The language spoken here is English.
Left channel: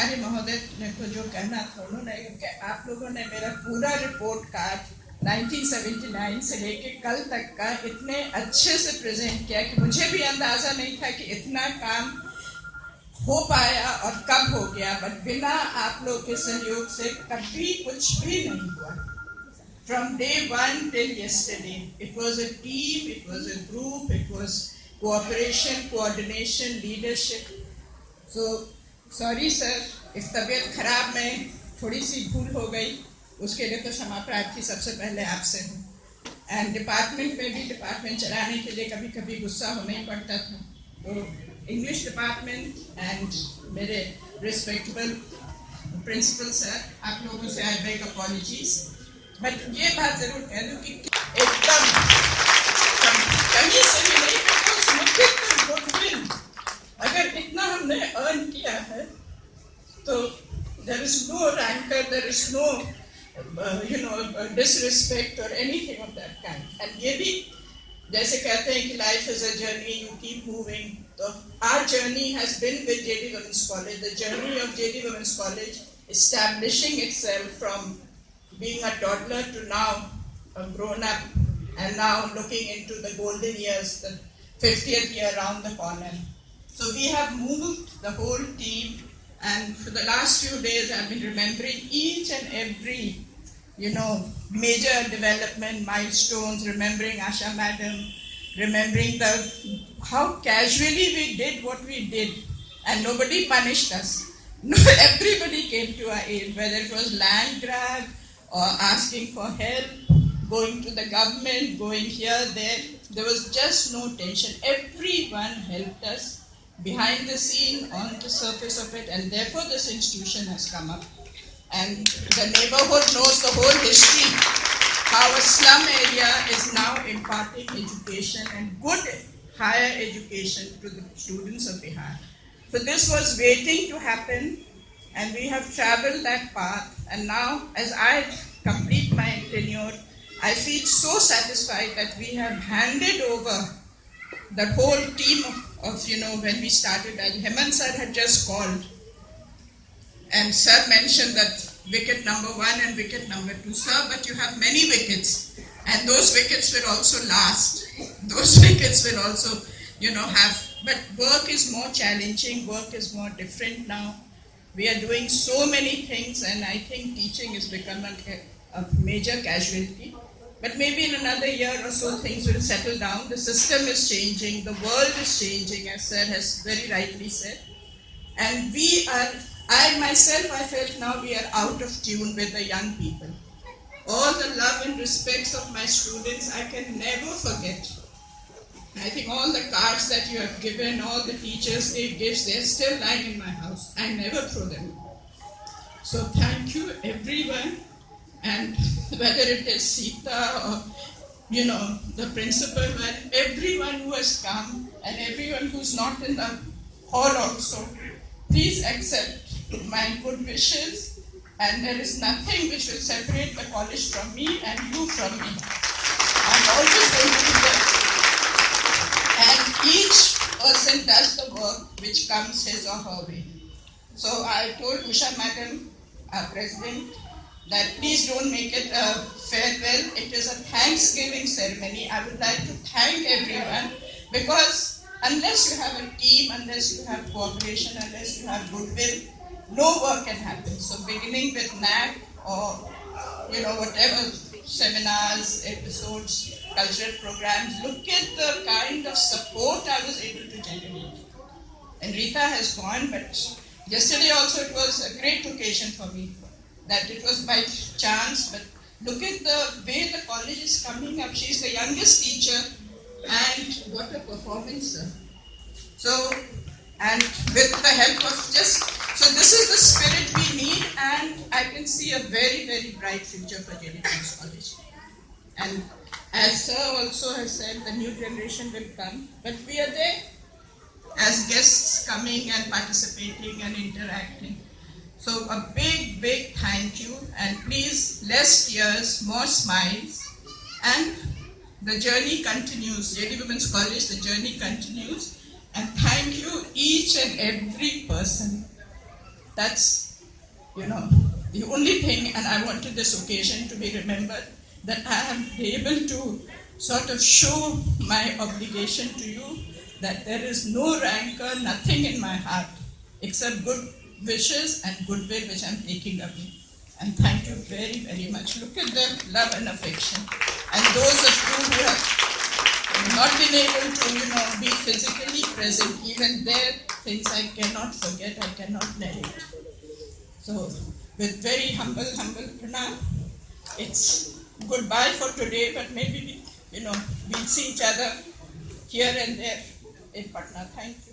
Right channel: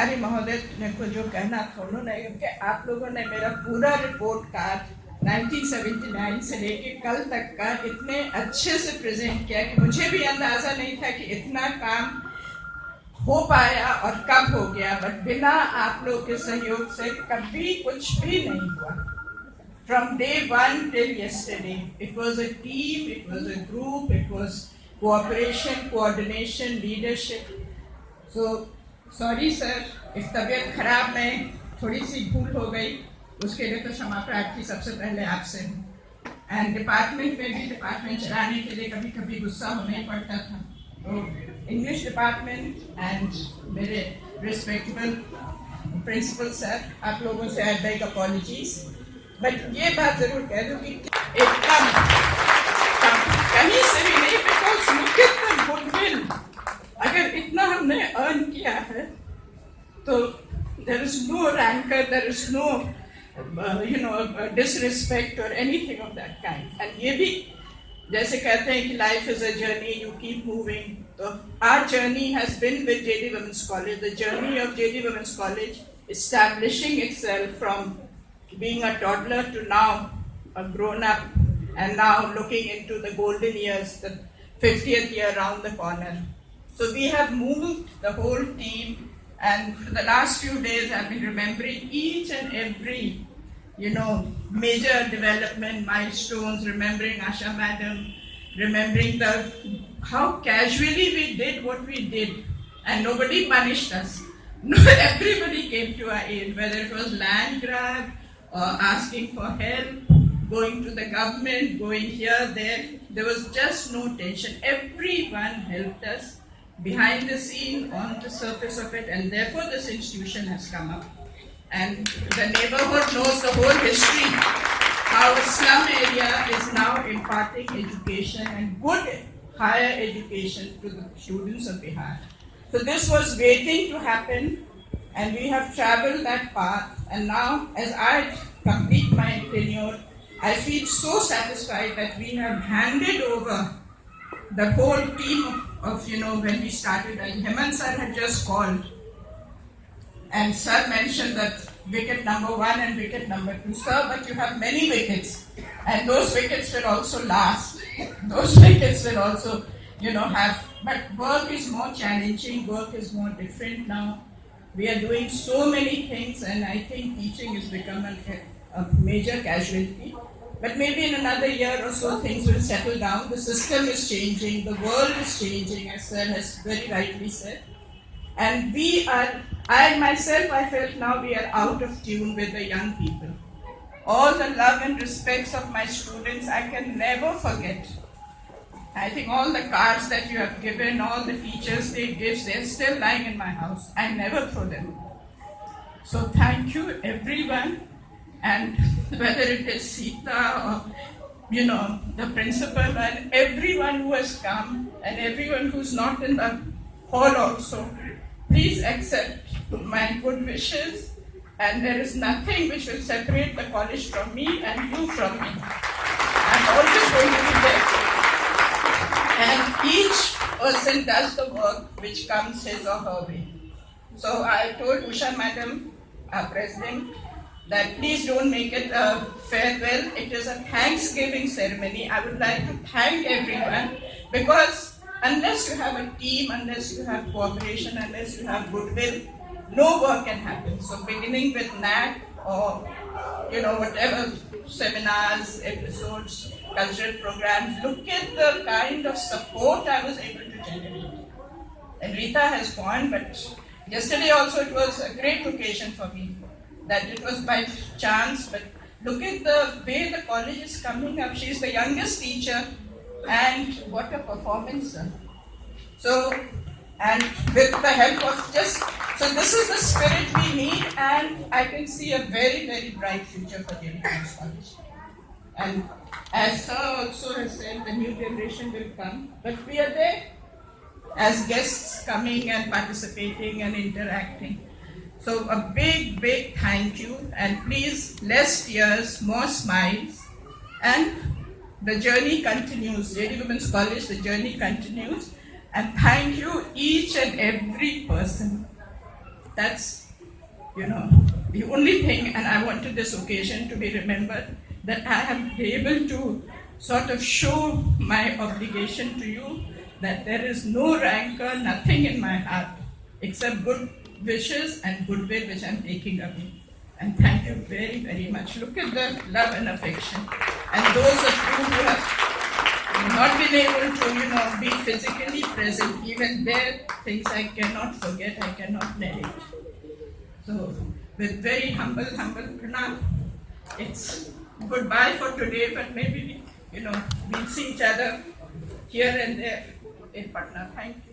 अरे महोदय ने को जो कहना था उन्होंने, क्योंकि आप लोगों ने मेरा पूरा रिपोर्ट कार्ड 1979 से लेके कल तक का इतने अच्छे से प्रेजेंट किया कि मुझे भी अंदाजा नहीं था कि इतना काम हो पाया और कब हो गया। बट बिना आप लोग के सहयोग से कभी कुछ भी नहीं हुआ। From day one till yesterday, it was a team, it was a group, it was cooperation, coordination, leadership. So, sorry sir, if तबीयत खराब में थोड़ी सी भूल हो गई, उसके लिए तो क्षमा प्रार्थी सबसे पहले आपसे हूँ। एंड डिपार्टमेंट में भी डिपार्टमेंट चलाने के लिए कभी कभी गुस्सा होना ही पड़ता था। तो इंग्लिश डिपार्टमेंट एंड मेरे रिस्पेक्टेबल प्रिंसिपल सर, आप लोगों से आई बेग अपॉलॉजीज। बट ये बात जरूर कह दूँ कि एकदम कहीं से भी नहीं, बिकॉज मुख्यतः गुडविल अगर इतना हमने अर्न किया है तो there is no rancor, there is no disrespect or anything of that kind. And ये भी जैसे कहते हैं कि life is a journey, you keep moving. So our journey has been with JD Women's College. The journey of JD Women's College establishing itself from being a toddler to now a grown up, and now looking into the golden years, the 50th year around the corner. So we have moved the whole team, and for the last few days I've been remembering each and every, major development milestones, remembering Asha Madam, remembering how casually we did what we did, and nobody punished us. No, everybody came to our aid, whether it was land grab or asking for help, going to the government, going here, there. There was just no tension. Everyone helped us behind the scene, on the surface of it, and therefore this institution has come up. And the neighborhood knows the whole history, how a slum area is now imparting education and good higher education to the students of Bihar. So this was waiting to happen, and we have traveled that path. And now, as I complete my tenure, I feel so satisfied that we have handed over the whole team of when we started. Hemant sir had just called, and sir mentioned that wicket number 1 and wicket number 2. Sir, but you have many wickets, and those wickets will also last. Those wickets will also, have. But work is more challenging. Work is more different now. We are doing so many things, and I think teaching is becoming a major casualty. But maybe in another year or so, things will settle down. The system is changing. The world is changing, as sir has very rightly said. And I felt now we are out of tune with the young people. All the love and respects of my students, I can never forget. I think all the cards that you have given, all the Teachers' Day gifts, they're still lying in my house. I never throw them. So thank you, everyone. And whether it is Sita or, the principal, and everyone who has come, and everyone who's not in the hall also, please accept my good wishes. And there is nothing which will separate the college from me and you from me. I'm always going to be there. And each person does the work which comes his or her way. So I told Usha Madam, our president, that please don't make it a farewell. It is a Thanksgiving ceremony. I would like to thank everyone, because unless you have a team, unless you have cooperation, unless you have goodwill, no work can happen. So beginning with NAC or, whatever seminars, episodes, cultural programs, look at the kind of support I was able to generate. And Rita has gone, but yesterday also it was a great occasion for me. That it was by chance, but look at the way the college is coming up. She's the youngest teacher, and what a performance. So, and with the help of so this is the spirit we need, and I can see a very, very bright future for JD Women's College. And as sir also has said, the new generation will come, but we are there as guests coming and participating and interacting. So a big, big thank you, and please, less tears, more smiles, and the journey continues. JD Women's College, the journey continues, and thank you each and every person. That's, the only thing, and I wanted this occasion to be remembered, that I am able to sort of show my obligation to you, that there is no rancor, nothing in my heart, except good wishes and goodwill which I'm taking away. And thank you very, very much. Look at the love and affection. And those of you who have not been able to, be physically present, even there, things I cannot forget, I cannot narrate. So, with very humble pranam, it's goodbye for today, but maybe, we'll see each other here and there in Patna. Thank you.